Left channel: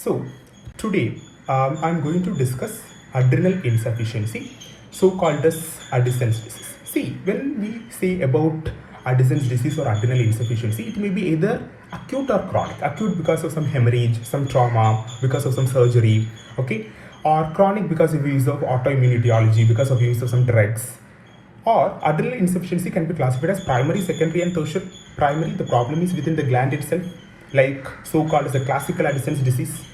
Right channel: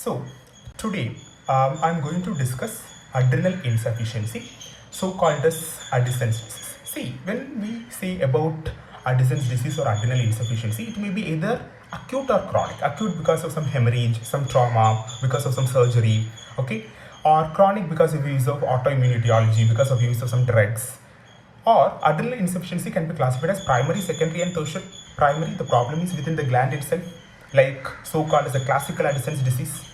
So today I'm going to discuss adrenal insufficiency, so called as Addison's disease. See, when we say about Addison's disease or adrenal insufficiency, it may be either acute or chronic. Acute because of some hemorrhage, some trauma, because of some surgery, okay, or chronic because of use of autoimmune etiology, because of use of some drugs. Or adrenal insufficiency can be classified as primary, secondary and tertiary. Primary, the problem is within the gland itself, like so-called as the classical Addison's disease,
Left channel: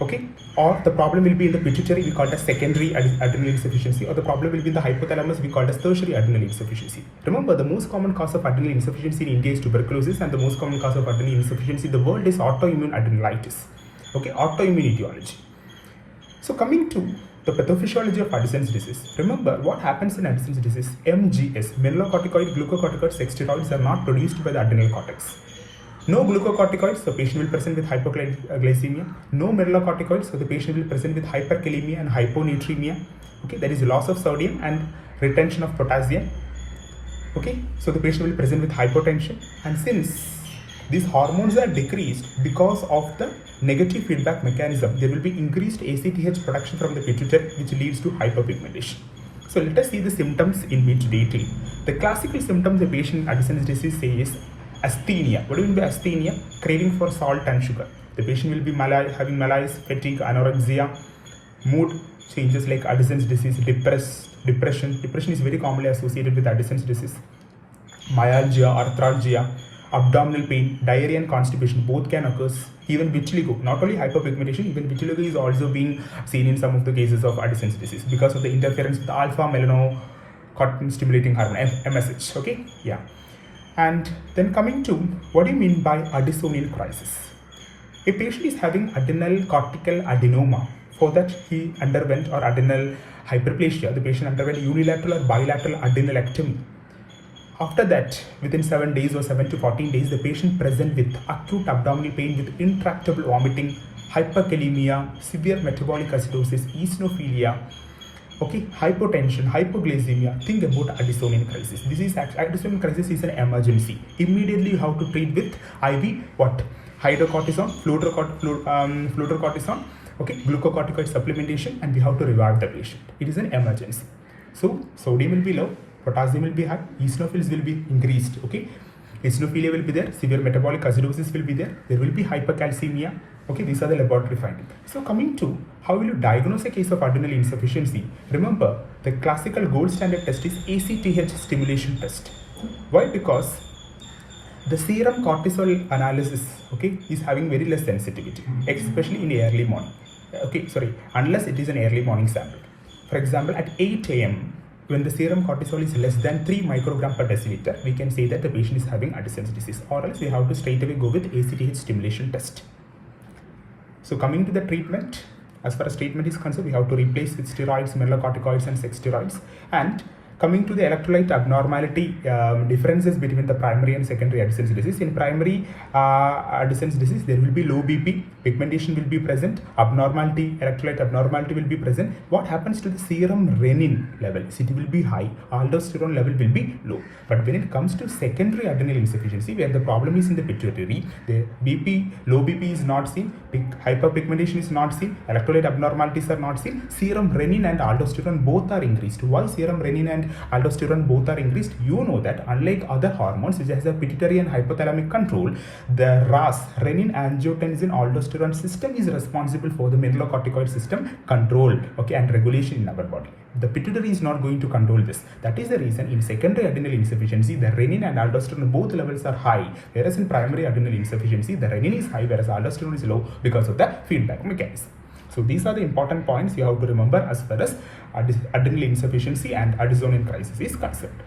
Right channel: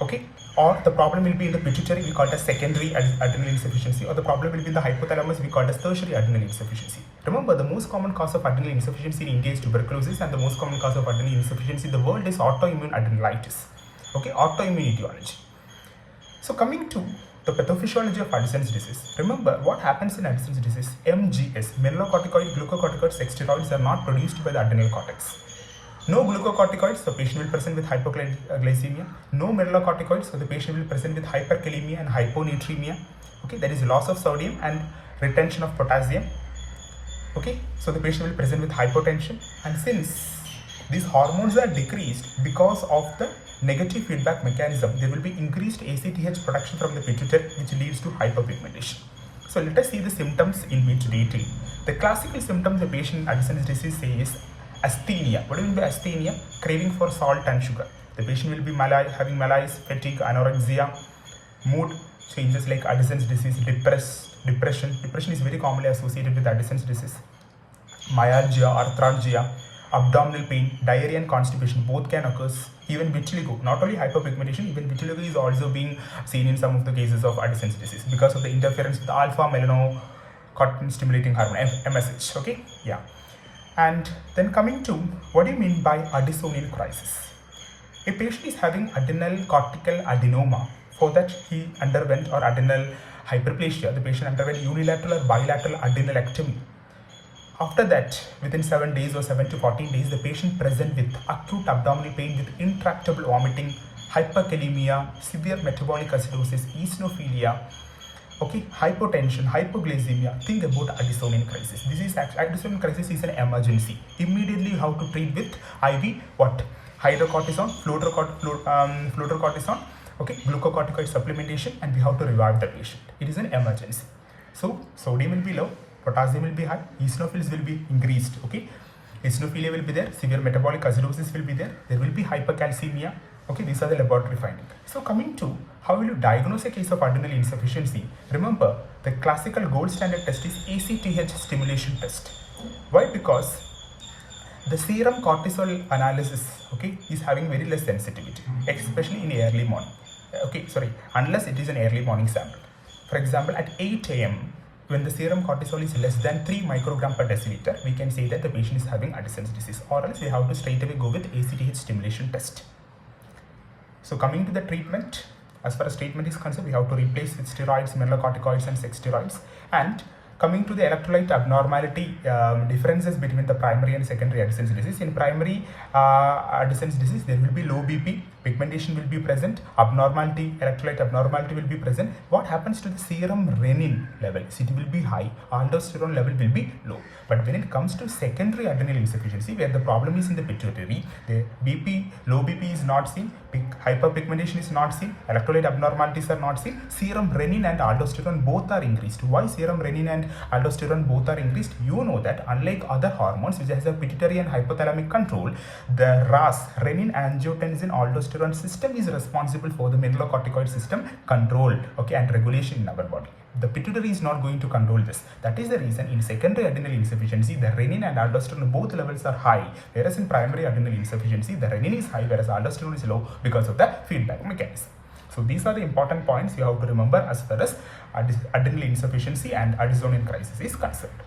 okay, or the problem will be in the pituitary, we call it as secondary adrenal insufficiency, or the problem will be in the hypothalamus, we call it as tertiary adrenal insufficiency. Remember, the most common cause of adrenal insufficiency in India is tuberculosis, and the most common cause of adrenal insufficiency in the world is autoimmune adrenalitis, okay, autoimmune etiology. So coming to the pathophysiology of Addison's disease, remember what happens in Addison's disease. MGS, mineralocorticoid, glucocorticoid, steroids are not produced by the adrenal cortex. No glucocorticoids, the patient will present with hypoglycemia. No mineralocorticoids, so the patient will present with hyperkalemia and hyponatremia. Okay, there is loss of sodium and retention of potassium. Okay, so the patient will present with hypotension. And since these hormones are decreased because of the negative feedback mechanism, there will be increased ACTH production from the pituitary, which leads to hyperpigmentation. So let us see the symptoms in which detail. The classical symptoms the patient in Addison's disease say is asthenia. What do you mean by asthenia? Craving for salt and sugar. The patient will be having malaise, fatigue, anorexia, mood changes like Addison's disease, depression. Depression is very commonly associated with Addison's disease. Myalgia, arthralgia, abdominal pain, diarrhea and constipation, both can occur. Even vitiligo, not only hyperpigmentation, even vitiligo is also being seen in some of the cases of Addison's disease because of the interference with alpha melanocortin stimulating hormone, MSH. Okay, yeah. And then coming to what do you mean by Addisonian crisis? A patient is having adrenal cortical adenoma. For that he underwent, or adrenal hyperplasia, the patient underwent unilateral or bilateral adrenalectomy. After that, within 7 days or 7 to 14 days, the patient present with acute abdominal pain with intractable vomiting, hyperkalemia, severe metabolic acidosis, eosinophilia, okay, hypotension, hypoglycemia. Think about Addisonian crisis. Addisonian crisis is an emergency. Immediately you have to treat with IV what? Hydrocortisone, fluorocortisone, okay, glucocorticoid supplementation, and we have to revive the patient. It is an emergency. So sodium will be low, potassium will be high, eosinophils will be increased, okay, eosinophilia will be there, severe metabolic acidosis will be there will be hypercalcemia. Okay, these are the laboratory findings. So coming to how will you diagnose a case of adrenal insufficiency? Remember, the classical gold standard test is ACTH stimulation test. Why? Because the serum cortisol analysis, okay, is having very less sensitivity, especially in the early morning. Okay, sorry, unless it is an early morning sample. For example, at 8 a.m., when the serum cortisol is less than 3 microgram per deciliter, we can say that the patient is having Addison's disease, or else we have to straight away go with ACTH stimulation test. So coming to the treatment, as far as treatment is concerned, we have to replace with steroids, mineralocorticoids and steroids. And coming to the electrolyte abnormality differences between the primary and secondary Addison's disease. In primary Addison's disease, there will be low BP, pigmentation will be present, abnormality, electrolyte abnormality will be present. What happens to the serum renin levels? It will be high, aldosterone level will be low. But when it comes to secondary adrenal insufficiency, where the problem is in the pituitary, the BP, low BP is not seen, hyperpigmentation is not seen, electrolyte abnormalities are not seen, serum renin and aldosterone both are increased. Why serum renin and aldosterone both are increased? You know that unlike other hormones which has a pituitary and hypothalamic control, the RAS, renin, angiotensin, aldosterone system is responsible for the mineralocorticoid system control, okay, and regulation in our body. The pituitary is not going to control this. That is the reason in secondary adrenal insufficiency, the renin and aldosterone both levels are high, whereas in primary adrenal insufficiency, the renin is high whereas aldosterone is low because of the feedback mechanism. So these are the important points you have to remember as far as adrenal insufficiency and Addisonian crisis is concerned.